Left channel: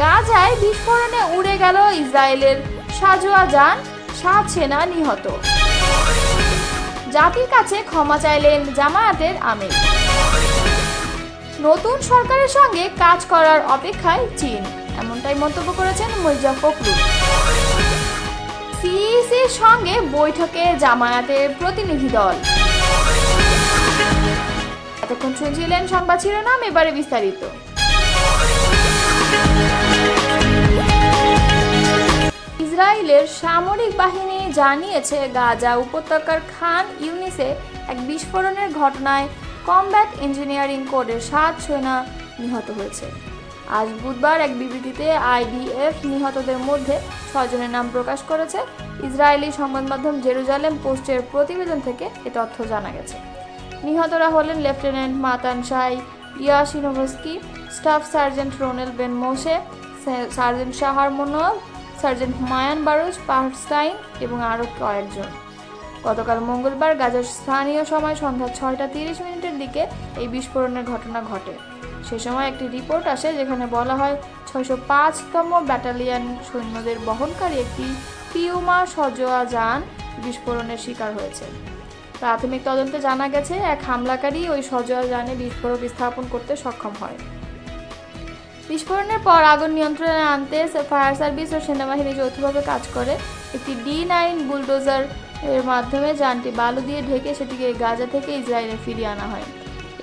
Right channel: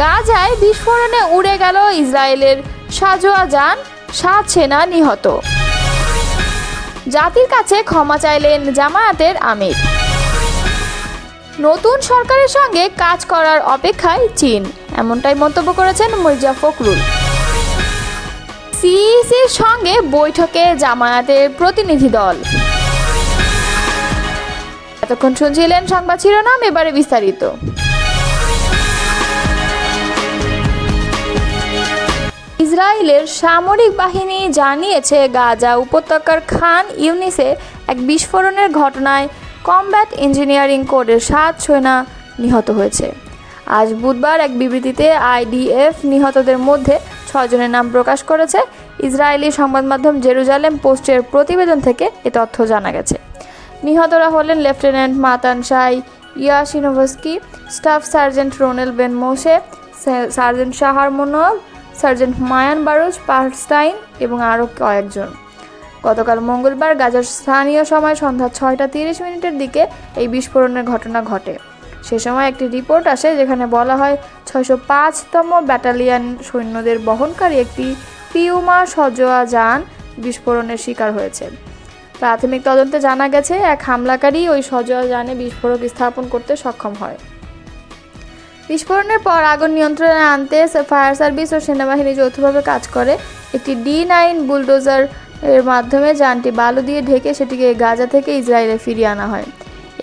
গাজায় বিস্ফোরণে উড়ে গেল ইসরায়েলের সাঁজোয়া যান, 7 সেনা নিহত। জাতির কাছে ক্ষমা চাইলেন জামায়াতের আমির। নতুন সরকারের সঙ্গে কাজ করার অপেক্ষায় চীন, এমনটাই মন্তব্য করেছেন মির্জা ফখরুল। সিইসির সঙ্গে বৈঠকে জামায়াতের প্রতিনিধি দল। এতক্ষণ শুনছিলেন সংবাদ শিরোনাম, এবারে বিস্তারিত। ইসরায়েলের সামরিক বাহিনী জানিয়েছে গাজা উপত্যকার খান ইউনিসে এক বিস্ফোরণের ঘটনায় কমব্যাট ইঞ্জিনিয়ারিং কোরের 7 সেনা নিহত হয়েছে। আজ বুধবার এক বিবৃতিতে আইডিএফ নিহতদের মধ্যে 6 জনের নাম প্রকাশ করেছে। ইসরায়েলি সংবাদ মাধ্যম জেরুজালেম পোস্টের প্রতিবেদন থেকে এ তথ্য জানা গেছে। নিহতরা হলেন lieutenant Matan Shai Yasinovsky, staff sergeant Ronel Ben Moshe, sergeant Shahar Menual, sergeant Mayan Baruch Perstein এবং আরও কয়েকজন। গতকাল মঙ্গলবার গাজার স্থানীয় সময় সন্ধ্যা 6:30 দিকে এই বিস্ফোরণের ঘটনা ঘটে। সে সময় একটি রিপোর্ট আসে যেখানে বলা হয় 605তম ব্যাটালিয়ন সৈন্যদের বহনকারী একটি পিউমা সাঁজোয়া যান বিস্ফোরণের শিকার হয়েছে। প্রাথমিক তদন্তে জানা গেছে এক হামলাকারী ওই সাঁজোয়া যানে বিস্ফোরক স্থাপন করতে সক্ষম হয়। বিস্ফোরণের পর আগুন নিয়ন্ত্রণে আনতে ফায়ার সার্ভিস ও সেনাবাহিনী যৌথভাবে কাজ করে। একটি D9 বুলডোজার এর মাধ্যমে যানটি বালু দিয়ে ঢেকে সেটিকে গাজা থেকে ইসরায়েলে ফিরিয়ে আনা হয়।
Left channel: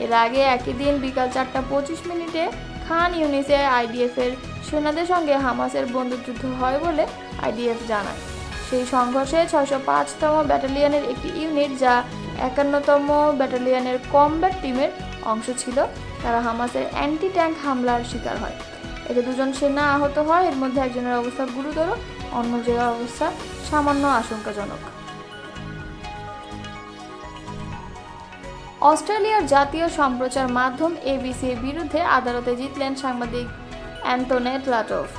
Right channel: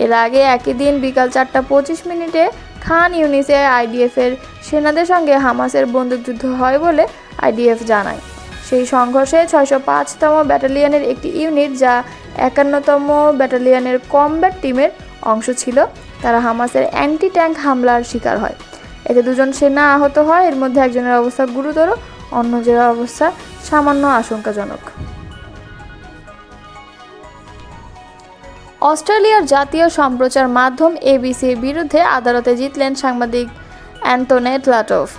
এর আগে একই দিন বিকাল 4:25 খান ইউনিসে আইডিএফের সেনাদের সঙ্গে হামাসের বন্দুকযুদ্ধ হয় বলে আইডিএফ জানায়। সেই সংঘর্ষে 605তম ব্যাটালিয়নের একটি ইউনিট, যা 51তম ব্যাটালিয়নের কমব্যাট টিমের অংশ ছিল, তারা হামাসের অ্যান্টি ট্যাঙ্ক হামলার শিকার হয়। এতে 2 জন সেনা আহত হয়। এর মধ্যে একজনের অবস্থা গুরুতর, অন্যজনের অবস্থা সামান্য আশঙ্কাজনক। অস্ট্রেলিয়ার জাতীয় সম্প্রচার মাধ্যম এবিসির বিরুদ্ধে আদালতে জিতলেন সাংবাদিক অ্যান্টনেট লাটফ।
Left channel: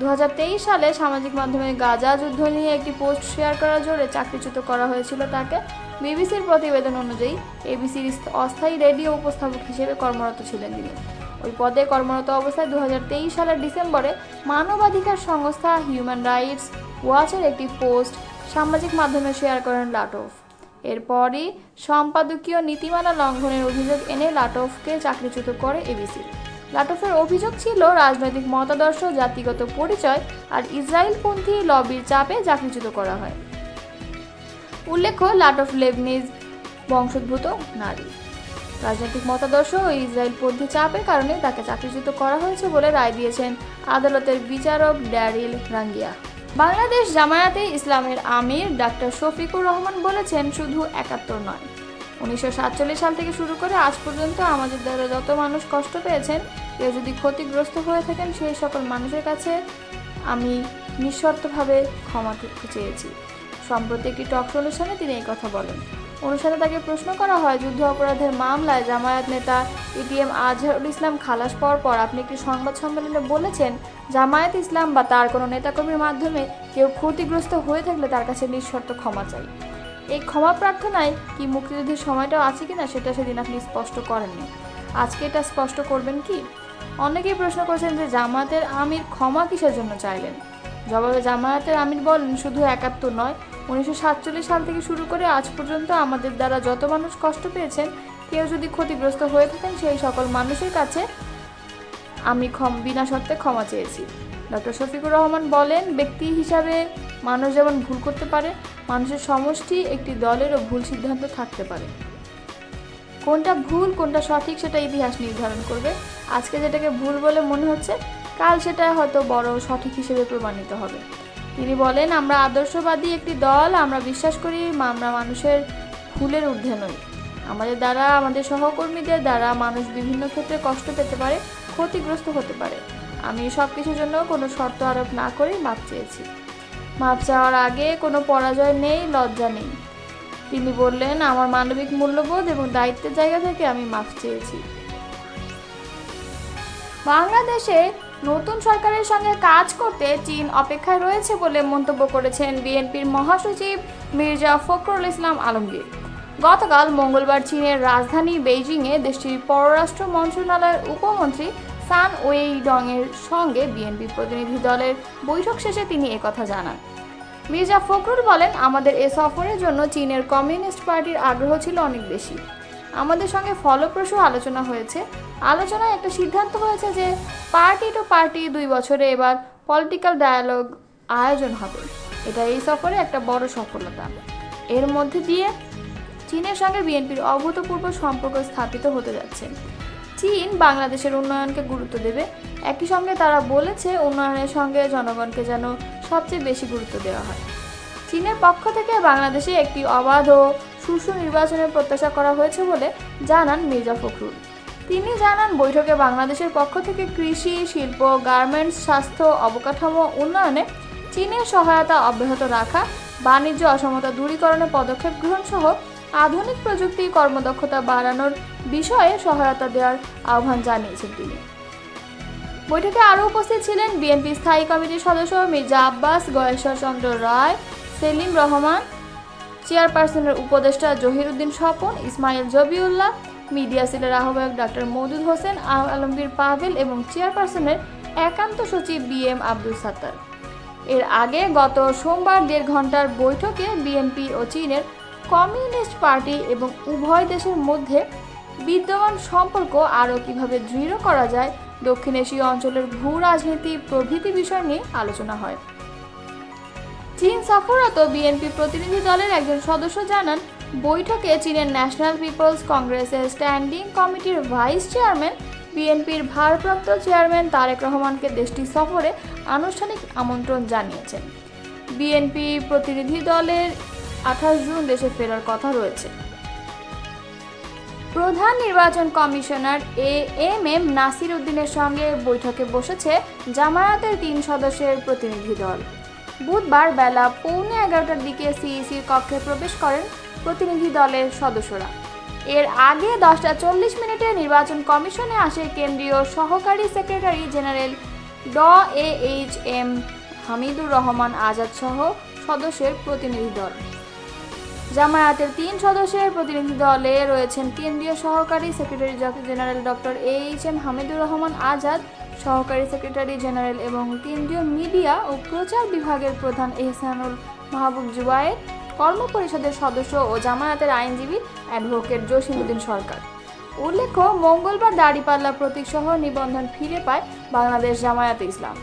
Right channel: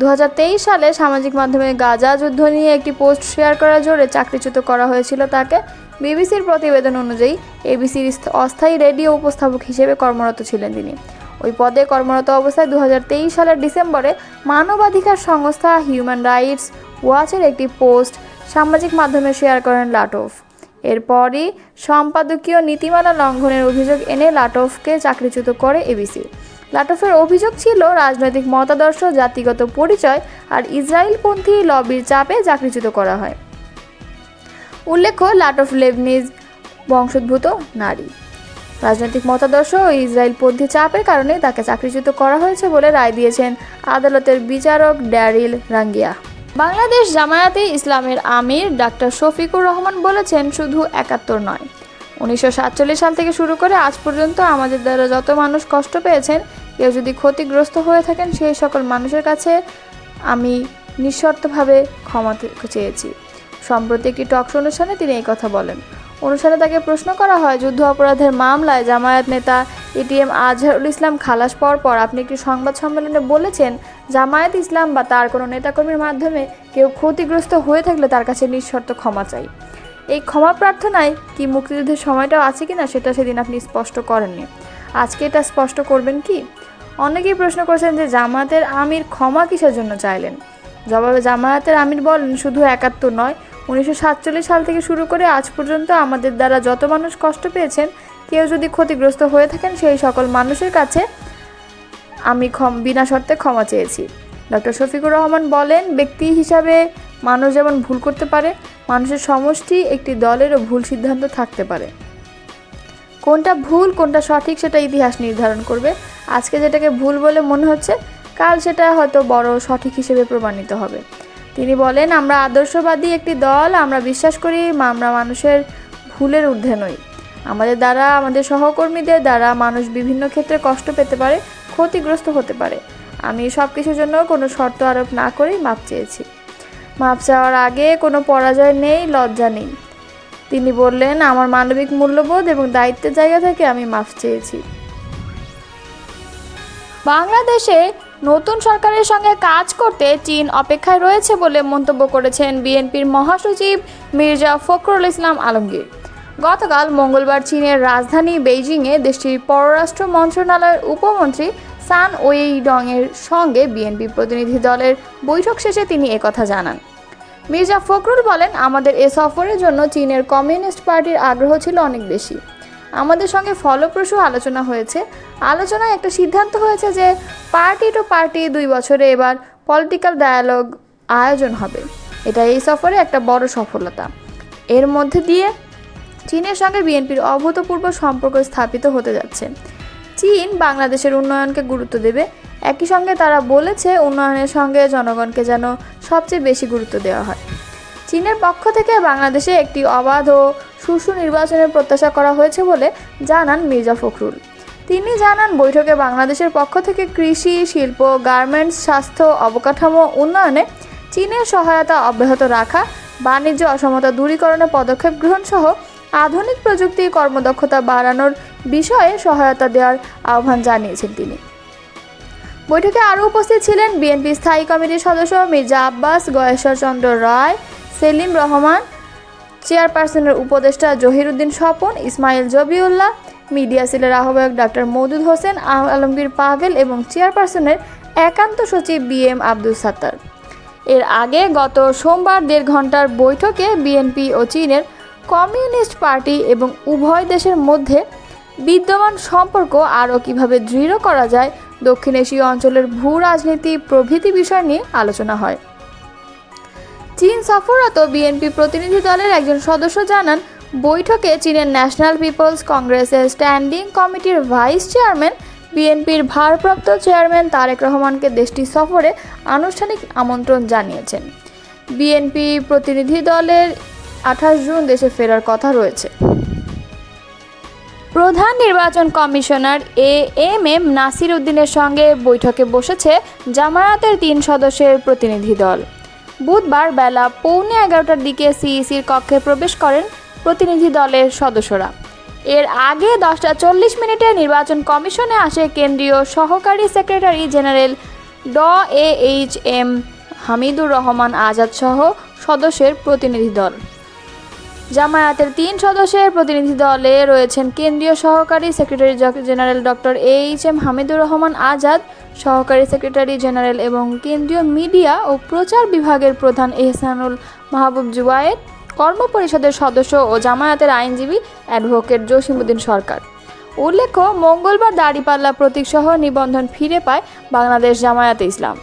2023 সালে সামাজিক মাধ্যমে গাজা যুদ্ধ নিয়ে একটি পোস্ট শেয়ার করার জোরে চাকরিচ্যুত করা হয়েছিল তাকে। বিবিসির প্রতিবেদন অনুযায়ী এবিসির অস্থায়ী রেডিও উপস্থাপক হিসেবে কর্মরত ছিলেন তিনি। ওই পদে কর্মরত অবস্থায় 2023 সালের ডিসেম্বরে মানবাধিকার সংস্থা হিউম্যান রাইটস ওয়াচের একটি পোস্ট সামাজিক মাধ্যমে শেয়ার করেন লাটফ। এরপরই সম্পাদকীয় নীতিমালা লঙ্ঘনের অভিযোগ এনে লাটফকে চাকরিচ্যুত করে এবিসি। লাটফের অভিযোগ ছিল রাজনৈতিক মতাদর্শ, জাতিগত পরিচয় আর ইসরায়েলপন্থী লবির চাপে চাকরিচ্যুত করা হয়। উল্লেখ্য, লাটফ লেবনিজ বংশোদ্ভূত নারী। রাজনৈতিক মতাদর্শ ও ইসরায়েলপন্থী চাপের কারণে তাকে চাকরিচ্যুত করা হয়েছে বলে রায় দিয়েছেন আদালতের বিচারক ড্যারিল রাঙ্গিয়া। বাংলাদেশ জামায়াতে ইসলামের আমির ডাক্তার শফিকুর রহমান বলেছেন, শুধু 71 নয়, 1947 সাল থেকে শুরু করে আজ পর্যন্ত আমাদের দ্বারা যত মানুষ কষ্ট পেয়েছেন, কেউ যদি ক্ষতিগ্রস্ত হয়ে থাকেন, সেই সকল মানুষের কাছে আমি নিঃশর্তভাবে ক্ষমা চেয়েছি। সম্প্রতি একটি টকশো অনুষ্ঠানে তিনি এই কথা বলেন। অনুষ্ঠানে তাকে প্রশ্ন করা হয়, যুদ্ধ অপরাধের মামলায় জামায়াত নেতা এটিএম আজহারুল ইসলাম খালাস পাওয়ার পর আপনি একটি সংবাদ সম্মেলনে বলেছেন, জামায়াত ইসলাম বা তার কোনো নেতাকর্মীর মাধ্যমে কেউ ক্ষতিগ্রস্ত হয়ে থাকলে তার কাছে নিঃশর্ত ক্ষমা চাই। এই ক্ষমা প্রার্থনায় কি মুক্তিযুদ্ধের সময়টাও আছে কিনা সেটা সেদিন আপনি স্পষ্ট করেননি, আজকে এটা স্পষ্ট করবেন কি? অনেকেই প্রশ্ন করছেন যে জামায়াতের আমির ক্ষমা কিসের জন্য চাইলেন। জবাবে জামায়াতের আমির বলেন, শুধু 71 নয়, 1947 সাল থেকে শুরু করে আজ পর্যন্ত আমাদের দ্বারা যত মানুষ কষ্ট পেয়েছেন, কেউ যদি ক্ষতিগ্রস্ত হয়ে থাকেন, সেই সকল মানুষের কাছে আমি বিনা শর্তে ক্ষমা চেয়েছি। ডক্টর শফিকুর রহমান বলেন, ব্যক্তি হিসাবে মানুষ যেমন ভুল করতে পারে, মানুষের সমষ্টি একটি দলেরও ভুল সিদ্ধান্ত থাকতে পারে। কোনটা ভুল কোনটা সঠিক সেটা ইতিহাস নির্ধারণ করবে। আজকে যেটাকে ভুল বলে মনে হচ্ছে, কাল সেটা হয়তো বড় সঠিক হিসেবে প্রমাণিত হবে। তিনি বলেন, আমরা আদর্শবাদী একটি দল, আমরা বিশ্বাস করি আমরা মানুষের ভুলের ঊর্ধ্বে নই। আমাদের দ্বারা, আমাদের সহকর্মীদের দ্বারা মানুষ বিভিন্ন ক্ষেত্রে কষ্ট পেতে পারে, ক্ষতিগ্রস্ত হতে পারে। আমি সব কিছুর জন্য কোনো শর্ত আরোপ না করেই মাপ চেয়েছি। মাপ চাওয়ার আগে কোনো পরাজয় নেই, লজ্জা নেই। তিনি বললেন, আমার মানবিক মূল্যবোধ এবং দায়িত্বের জায়গা থেকে আমি মাপ চেয়েছি। বাংলাদেশে নতুন সরকারের সঙ্গে কাজ করতে চীন অপেক্ষায় রয়েছে বলে মন্তব্য করেছেন বিএনপির মহাসচিব মির্জা ফখরুল ইসলাম আলমগীর। গতকাল মঙ্গলবার চীনের রাজধানী বেইজিংয়ে দেশটির পররাষ্ট্র মন্ত্রণালয়ের উপমন্ত্রী সান ওয়েইডংয়ের সঙ্গে বিএনপি প্রতিনিধি দলের বৈঠক শেষে তিনি একথা জানান। মির্জা ফখরুল বলেন, আমাদের এ সফরের জন্য চীনের কমিউনিস্ট পার্টির আগ্রহ ছিল অনেক বেশি। আমাদের সঙ্গে ফলপ্রসূ আলোচনা হয়েছে। আলোচনায় একটা সিদ্ধান্ত হয়েছে যে পার্টি টু পার্টি 2 বছরে এবার পলিটিক্যাল ডায়ালগ আয়োজন হবে। এটা এই সফরে একটা বড় সফলতা। এর মধ্যে দিয়ে চীনের সঙ্গে বিএনপির অভূতপূর্ব সম্পর্ক স্থাপিত হতে যাচ্ছে। চীন বাংলাদেশের উন্নয়নকে গুরুত্ব দেবে। একই সঙ্গে তারা বলেছে, উন্নয়নের সঙ্গে জনগণকে যেন সবচেয়ে বেশি গুরুত্ব দেওয়া হয়। চীনের পক্ষ থেকে বাংলাদেশে একটি অবাধ ও সুষ্ঠু নির্বাচনের প্রত্যাশা করা হয়েছে বলে জানান মির্জা ফখরুল। তিনি জানান, বৈঠকে বাংলাদেশের পক্ষ থেকে কৃষি, শিল্প, গার্মেন্টস, স্বাস্থ্য, অবকাঠামো উন্নয়নে চীনের সহায়তা অব্যাহত রাখা, বাণিজ্য অসমতা দূরীকরণে পদক্ষেপ গ্রহণ সহ আধুনিক প্রযুক্তি কর্মদক্ষতা বাড়ানোর বিষয়ে সহায়তা দেওয়ার আহ্বান জানিয়েছেন তিনি। বৈঠকে আরও উপস্থিত ছিলেন বিএনপি স্থায়ী কমিটির সদস্য মির্জা আব্বাস, গয়েশ্বর চন্দ্র রায়, সেলিম রহমান, চেয়ারপারসনের উপদেষ্টা জহিরুদ্দিন স্বপন, ইসমাইল জবিউল্লাহ, মিডিয়া সেলের আহ্বায়ক ডাক্তার মওদুদ হোসেন, আলমগীর পাভেল এবং চেয়ারপারসনের একান্ত সচিব বিএম আব্দুল সাত্তার। এর আগে গত সোমবার 1.5 ঘন্টার বৈঠকে বিএনপি ও চীনের কমিউনিস্ট পার্টি এবং উভয় দেশের মধ্যে বিদ্যমান সম্পর্ক আরও কীভাবে দৃঢ় করা যায়, দক্ষিণ এশীয় অঞ্চলের ভূ রাজনীতি প্রভৃতি বিষয় নিয়ে আলোচনা হয়। চীন সফররত বিএনপি প্রতিনিধি দলের একজন সদস্য জানান, বৈঠকে চীনের ন্যাশনাল পিপলস কংগ্রেসের স্ট্যান্ডিং কমিটির ভাইস চেয়ারম্যান, বিএনপির ভারপ্রাপ্ত চেয়ারম্যান তারেক রহমানকে দেশটি সফরে আনুষ্ঠানিক আমন্ত্রণ জানিয়েছেন। বিএনপি প্রতিনিধি দলের 28 জুন দেশে ফেরার কথা রয়েছে। প্রধান নির্বাচন কমিশনার এএমএম নাসির উদ্দিনের সঙ্গে বৈঠকে বসেছে জামায়াতের 3 সদস্যের প্রতিনিধি দল। বুধবার বেলা 11:15টার দিকে সিইসির কক্ষে প্রবেশ করেন প্রতিনিধি দলের সদস্যরা। এর আগে 10:40 নির্বাচন কমিশনে আসে কেন্দ্রীয় সহকারী secretary general HM. Hamidur Rahman Azad সহ সদস্যের প্রতিনিধি দল। জামায়াতের 3 সদস্যের প্রতিনিধি দলে রয়েছেন কেন্দ্রীয় সহকারী secretary general HM. Hamidur Rahman Azad, সহকারী সেক্রেটারি জেনারেল এবং কেন্দ্রীয় মিডিয়া ও প্রচার বিভাগের প্রধান এহসানুল মাহবুব জুবায়ের, কর্মপরিষদের সদস্য ও জামায়াতের আইনজীবী অ্যাডভোকেট জসিমউদ্দিন সরকার। উল্লেখ্য, মঙ্গলবার দাড়িপাল্লা প্রতীকসহ নিবন্ধন ফিরে পায় বাংলাদেশ জামায়াতে ইসলাম।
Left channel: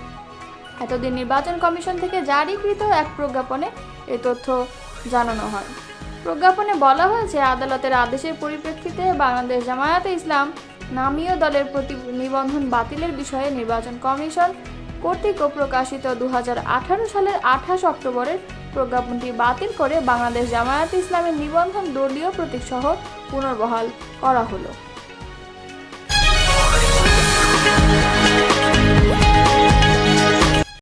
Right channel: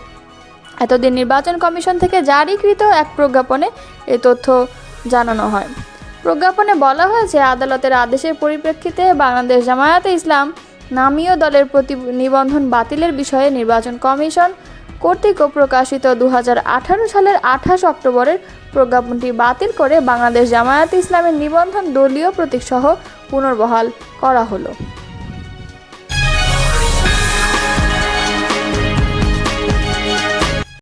এতদিন নির্বাচন কমিশন থেকে জারিকৃত এক প্রজ্ঞাপনে এ তথ্য জানানো হয়। প্রজ্ঞাপনে বলা হয়েছে, আদালতের আদেশের পরিপ্রেক্ষিতে বাংলাদেশ জামায়াতে ইসলাম নামীয় দলের প্রতি নিবন্ধন বাতিলের বিষয়ে নির্বাচন কমিশন কর্তৃক প্রকাশিত 2018 সালের 28 অক্টোবরের প্রজ্ঞাপনটি বাতিল করে বাংলাদেশ জামায়াতে ইসলামের নিবন্ধন দলীয় প্রতীকসহ পুনর্বহাল করা হলো।